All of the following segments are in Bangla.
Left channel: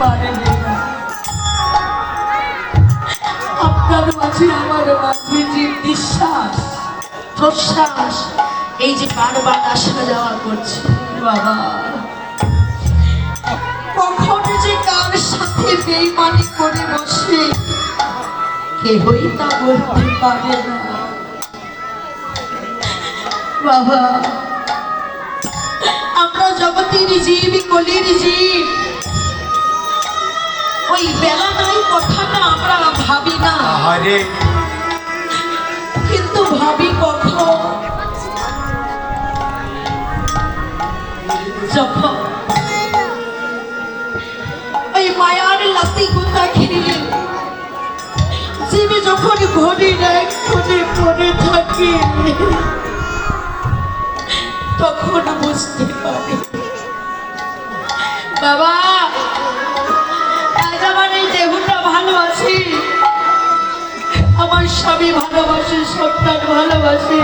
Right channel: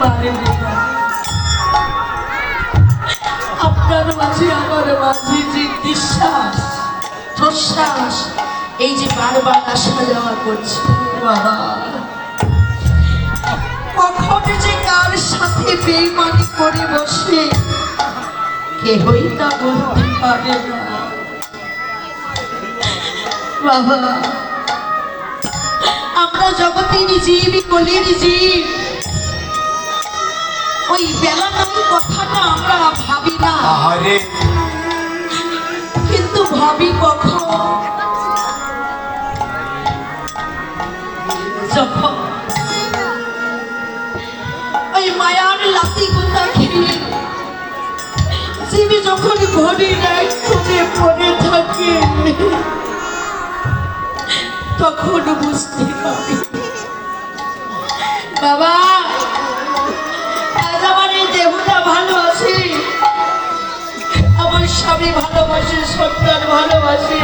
পারবে না। আপনার মাঝে আমার মাঝে যে নিঃশ্বাস প্রশ্বাস এই যে বারবার আসা যাওয়া করছে বাবা, কখন যে কার সাথে বেইমানি করে বসে কেহই তা বলতে পারে না বাবা। আমরা জগতের জীব, কলির জীব, ওই বেলা নাই কথাটা আমরা ভাবি না, কিন্তু ভাবি কখন যখন ওই মায়ার লাতি গোতা খেয়ে জীবী যখন ঘড়ির এক কোণে পড়ে থাকে তখন বুঝতে পারি বাবা আজ আমার এই দেহটা ভালো আছে, আমার স্বামী ভালোবাসে, সন্তান ভালোবাসে,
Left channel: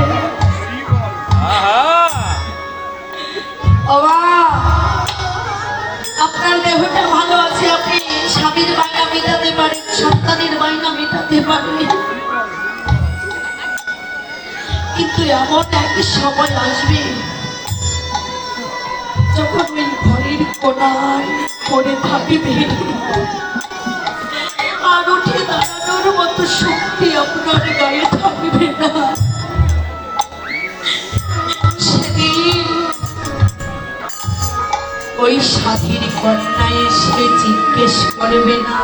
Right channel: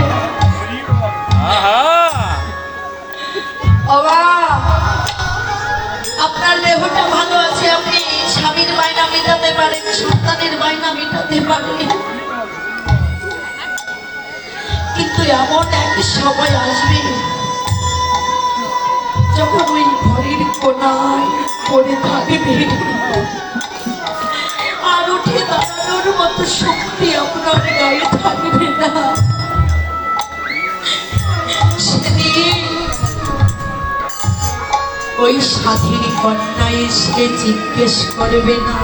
আপনার দেহটা ভালো আছে, আপনি স্বামীর বায়না মেটাতে পারেন, সন্তানের বায়না মেটাতে পারেন, কিন্তু এমন এক সময় আসবে যখন ওই ঘরের কোনায় পড়ে থাকবে আর উঠে দাঁড়ানোর মতো শক্তি আপনার গায়ে থাকবে না। সেদিন ওই সাধীর কন্যা এসে জিজ্ঞেস করবে না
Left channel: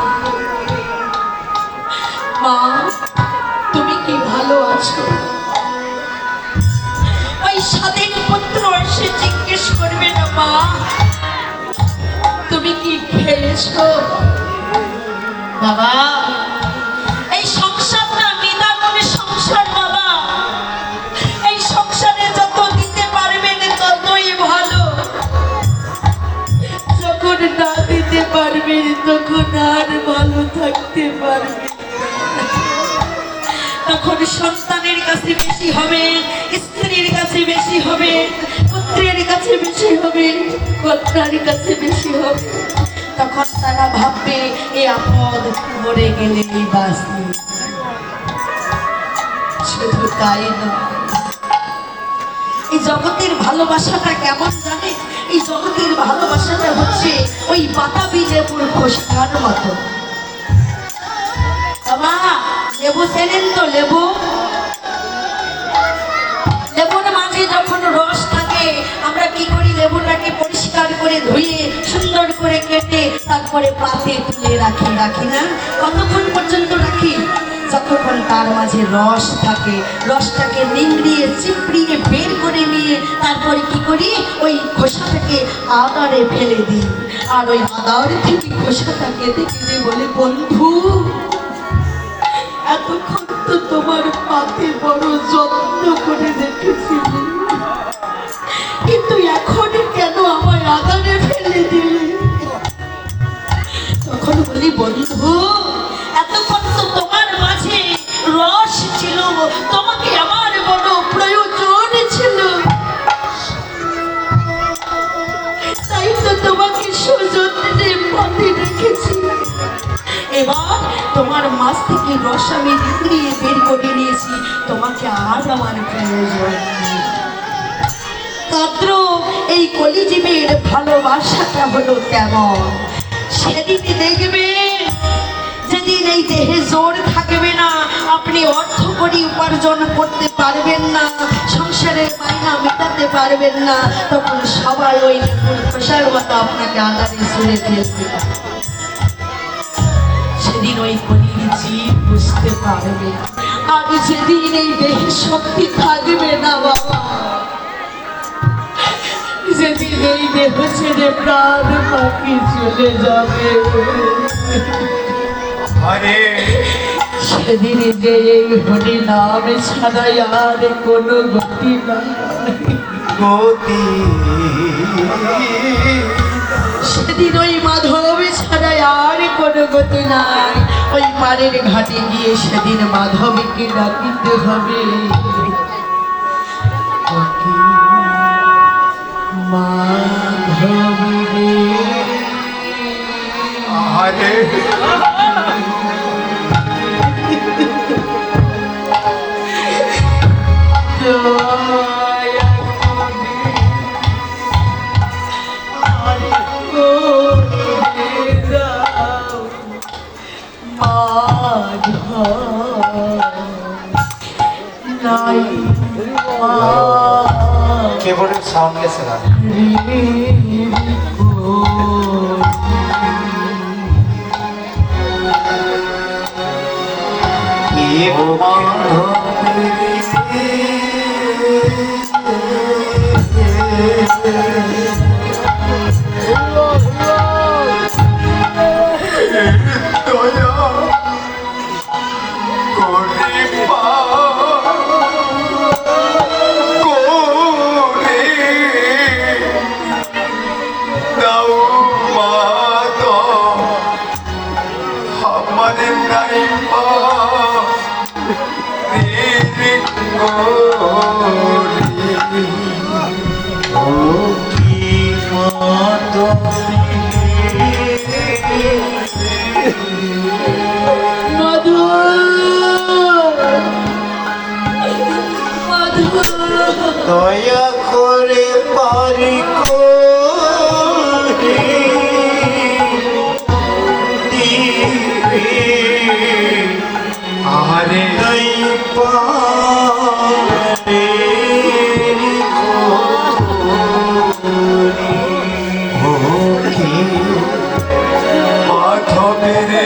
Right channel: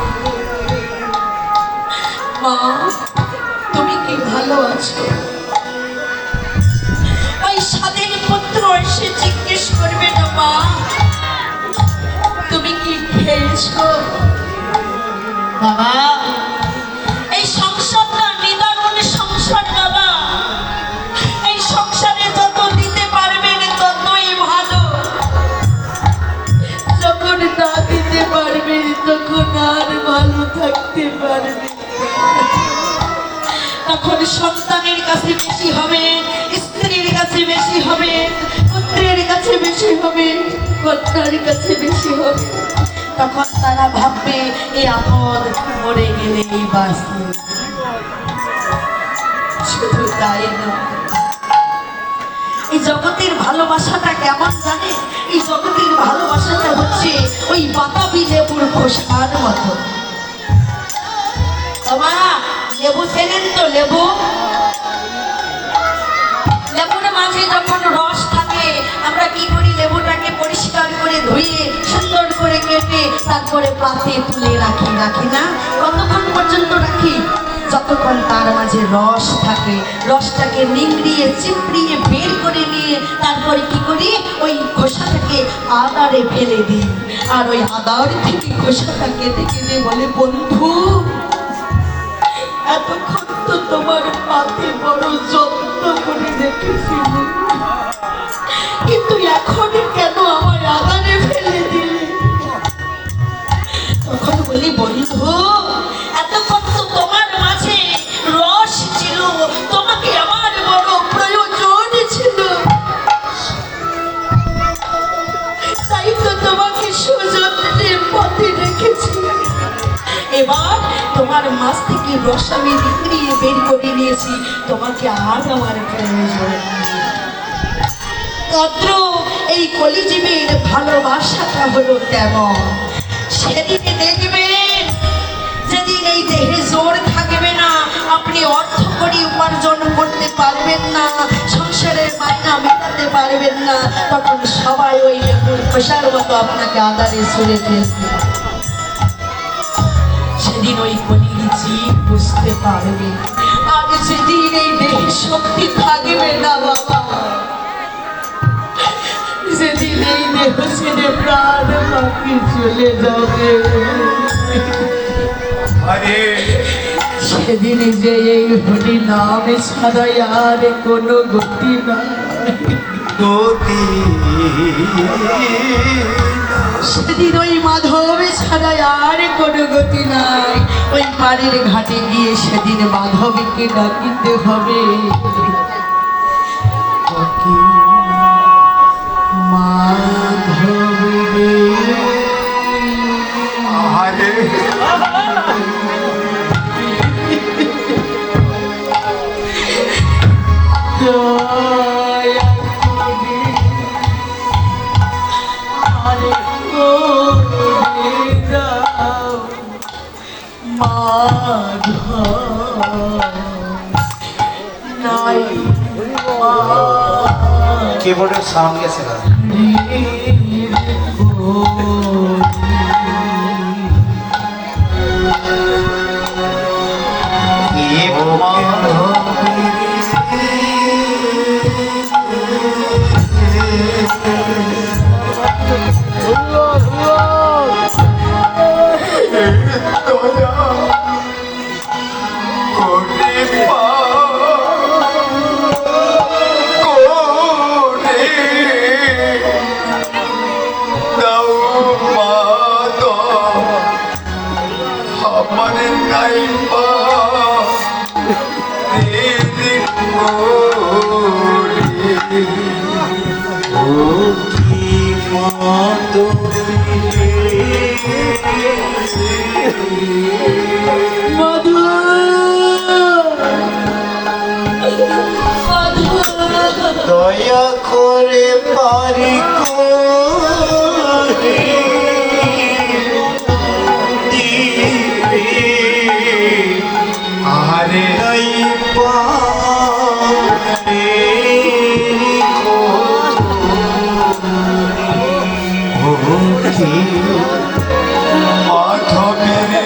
মা তুমি কি ভালো আছো, ওই সাধীর পুত্র এসে জিজ্ঞেস করবে না মা তুমি কি খেয়েছো। বাবা এই সংসারটা নিদারুণ সংসার বাবা, এই সংসারে যত দিতে পারবেন ততই ভালো, যখন না দিতে পারবেন তখন আর ভালো থাকতে পারবে, তখন সন্তানের কাছে বেশি হবে, স্ত্রীর কাছে বেশি হবে, পুত্রের কাছে বেশি হবে, কন্যার কাছে বেশি হবে, তখন তারা ভাববে এই আপদ মরে গেলেই বাঁচবে। শুধু তাই নয়, এই জগতের ভালোবাসাটা কেমন জানে, এই জগতের ভালোবাসাটা হচ্ছে ওই বাতাবি লেবুর খোসার মতো। বাবা লেবু চেনেন তো, লেবু লেবুর মাঝে যখন রস থাকে আমরা কি করি, লেবুটাকে পরিষ্কার করে ধুয়ে সুন্দর করে কেটে তারপরে পাতে তুলে রাখি, রাখি না? কতক্ষণ পর্যন্ত রাখি? যতক্ষণ তার মাঝে রস থাকে, রসটাকে নিংড়িয়ে চিপড়িয়ে বের করে নিয়ে তারপরে কি করি, ওই খোসাটাকে আদারে ফেলে দিই, আর ওই আদার থেকে খোসাটা কেটে কেটে বলে বন্ধু এতক্ষণ তো তোমার পাতে বড় যত্ন করে রেখেছিল, কিন্তু এখন কেন আমায় আদারে ফেলে দিলে। তখন বলি বন্ধু এতক্ষণ তো তোমার মাঝে রস ছিল, তোমাকে আমার বড় প্রয়োজন ছিল, তাই তো তোমাকে সযত্নে পথে রেখেছি, এবার তোমার মাছ থেকে রস আমি নিংড়িয়ে বের করে নিয়েছি, তোমাকে আর আমার প্রয়োজন নেই। তদ্রূপ এই কলিজীবের ভালোবাসাটা হলো তেমন। সেদিন দেখবেন যেদিন এই দেহে জোর থাকবে না, আপনি অর্থ করি উপার্জন করতে পারবেন না, সংসারের মাইনা মেটাতে পারবেন না, তখন সবাই ওই লেবুর খোসার মতো আপনাকে আদারে ছুঁড়ে ফেলবে। সেদিন ওই কলির জীব বুঝতে পারবে, আর যেদিন এই দেহে শক্তি থাকবে না বাবা, যেদিন এই দেহ ছেড়ে প্রাণ পাখি চলে যাবে, সেদিন যে এই হরি নাম ছাড়া আর কোনো গতি নাই, সেদিন ওই মাধব ছাড়া আর কোনো গতি নাই, ওই পাড়ের ঘাটে গিয়ে সেদিন মাধবীকে ডাকিতে হবে, মাধবী कीबोर्डेर साउंड গেছে না দয়া করে পারি করে দিবে আরে পারে কি মাধবের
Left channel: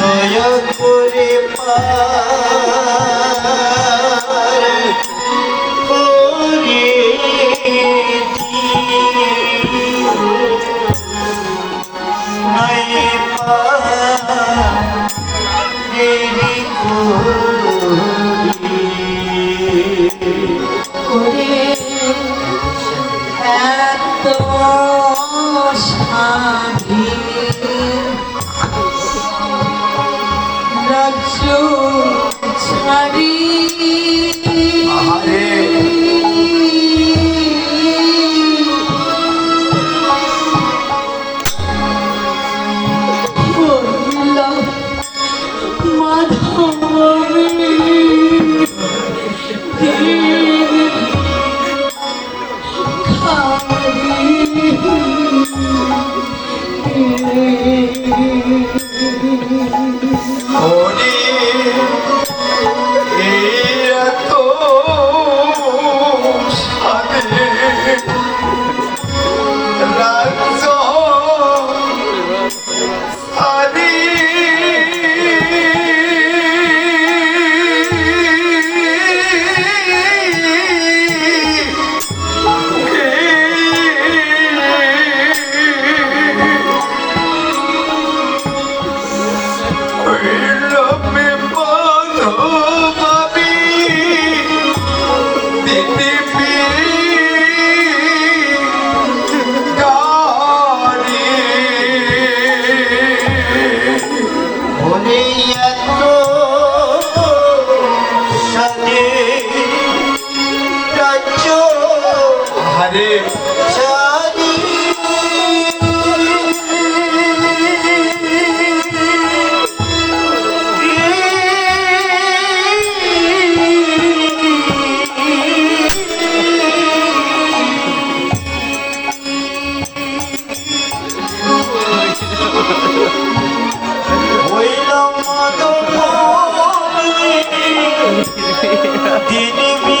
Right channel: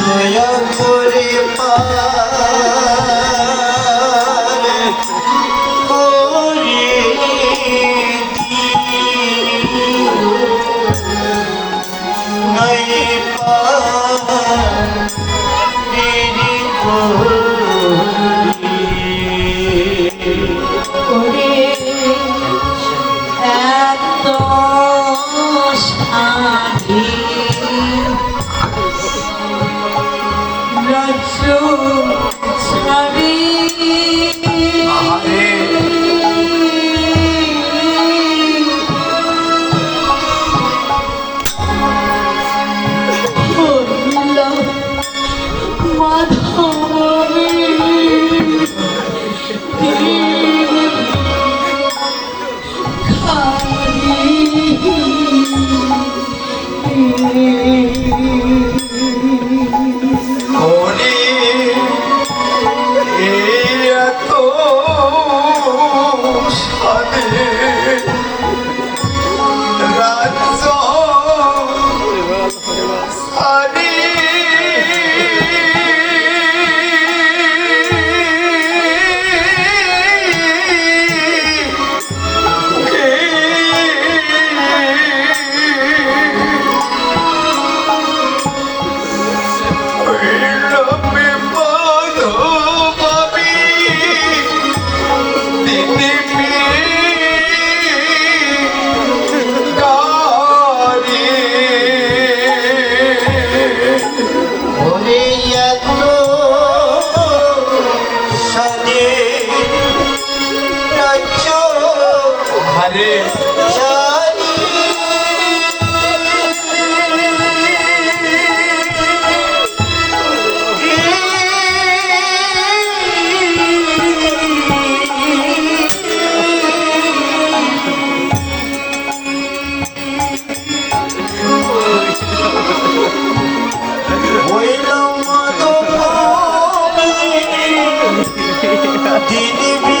দয়া করে পারে করে নাই পারি ওরে এত সাধী রাজ্য ছাড়ি দিনবি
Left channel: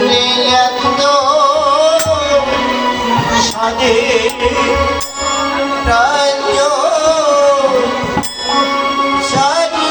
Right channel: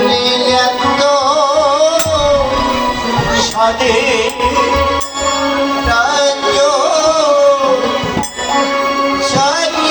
লীলাক্ত সাদে রাজ্য সারি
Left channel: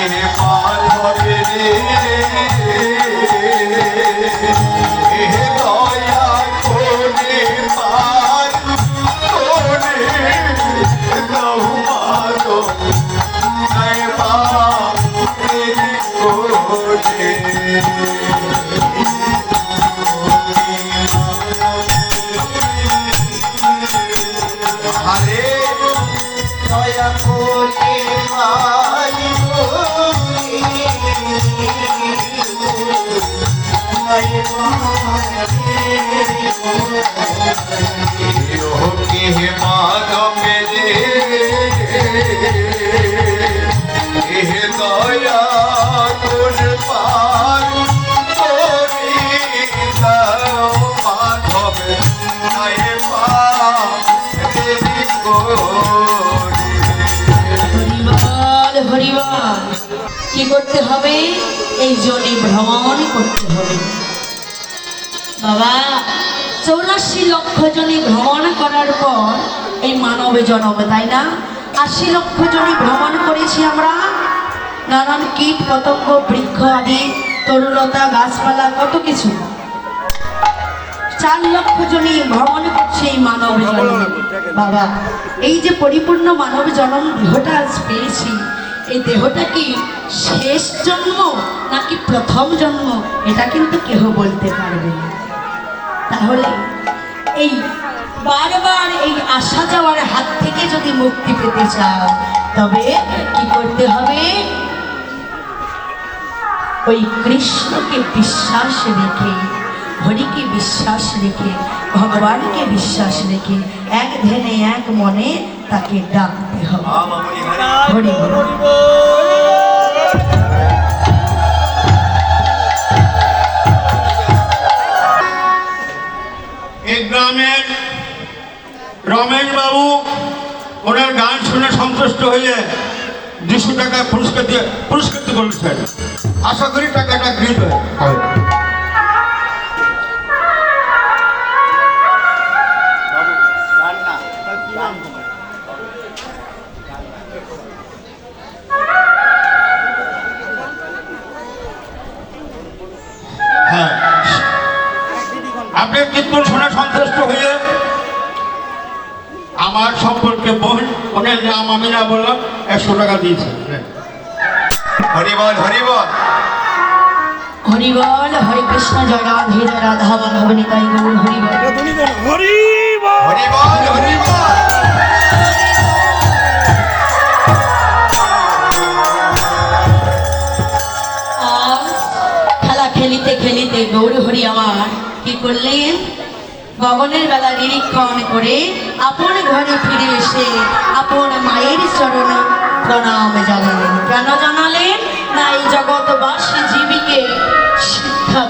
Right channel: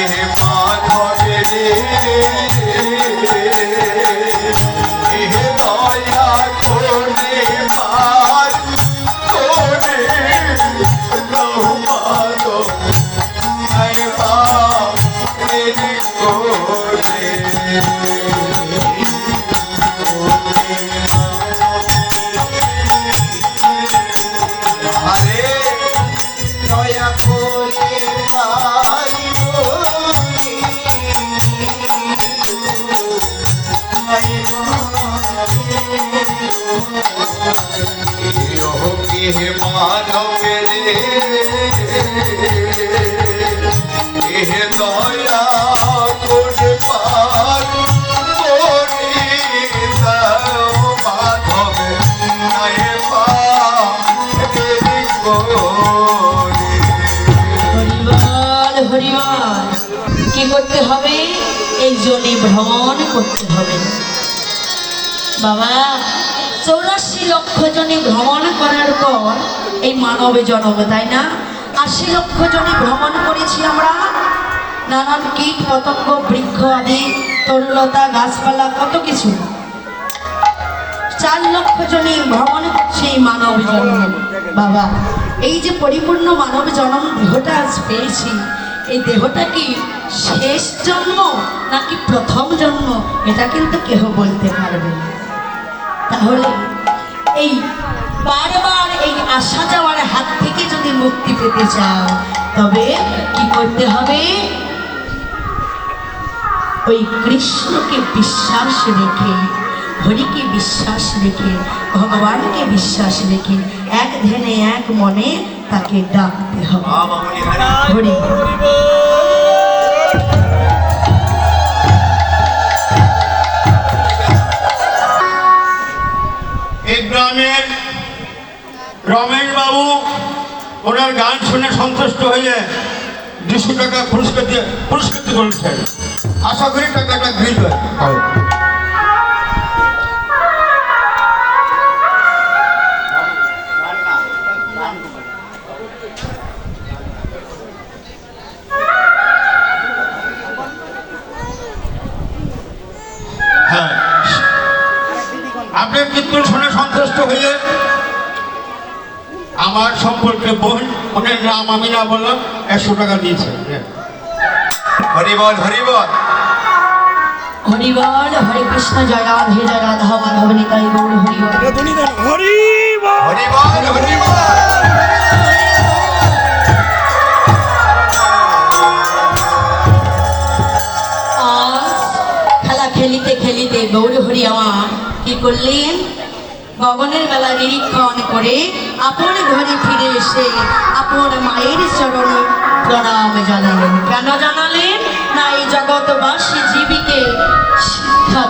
মাধবে রে দয়া করে পার করে দাও মাধব আরে দয়া করে মাধবে রে দয়া করে পার করে দাও মাধব নয় হরিবল হরিবল। কি করতে হবে? এই জনি ভ্রমণ করতে হবে বাবা। 84 লক্ষ জনি ভ্রমণ করার পর এই মানব জন্ম, তাই না? 80 লক্ষ জনি ভ্রমণ করেছি আমরা, নানান কীট পতঙ্গ বৃক্ষ আদি তরুলতা গাছপালা কত কিছু। 4 লক্ষ জনি ভ্রমণ করছে এই মানব জন্ম বাবা। এই যে পরিপূর্ণ মানব জন্ম দেহটা আজ পেয়েছি, এই দেহটা কি শেষ জন্ম নাকি প্রথম জন্ম এটা কিন্তু কেহ বলতে পারবে না। তাহলে এই বারবার এই আসা যাওয়ার হাত থেকে যদি মুক্তি পেতে চাও তবে কি করতে হবে? ওই কৃষ্ণকে বিশ্বাস রেখে, হরিকে বিশ্বাস রেখে, ভগবানকে বিশ্বাস রেখে এক ধ্যানে এক মনে তাকে ডাকতে হবে। হরি বল। এই গ্রামের রমেশ বাবু ওনার গান শুনে সন্তুষ্ট হয়ে 200 টাকা পুরস্কৃত করেছেন। আশা করি টাকাটা গৃহীত হয়। হ্যাঁ, আপনার কীর্তন শুনে সন্তুষ্ট হয়ে আমার সম্পর্কে বোন, ওনার নাম আমি না বললাম, 100 টাকা দিয়েছেন। হরিবল হরিবল হরিবল। হরে কৃষ্ণ, জয় রাধে জয় রাধা মাধব নিতাই গৌর হরিবল। হরিবল হরিবল। আজ খেলা খেলিতে খেলিতে গৌর হরি আমার কি করলেন? গগনের বেলা নিরীক্ষণ করে আপন ঘরে ফিরে এসে আপন মায়ের চরণ প্রণাম জানালেন। কেন জানালেন? না এই জগৎবাসী জীবীকে শিক্ষা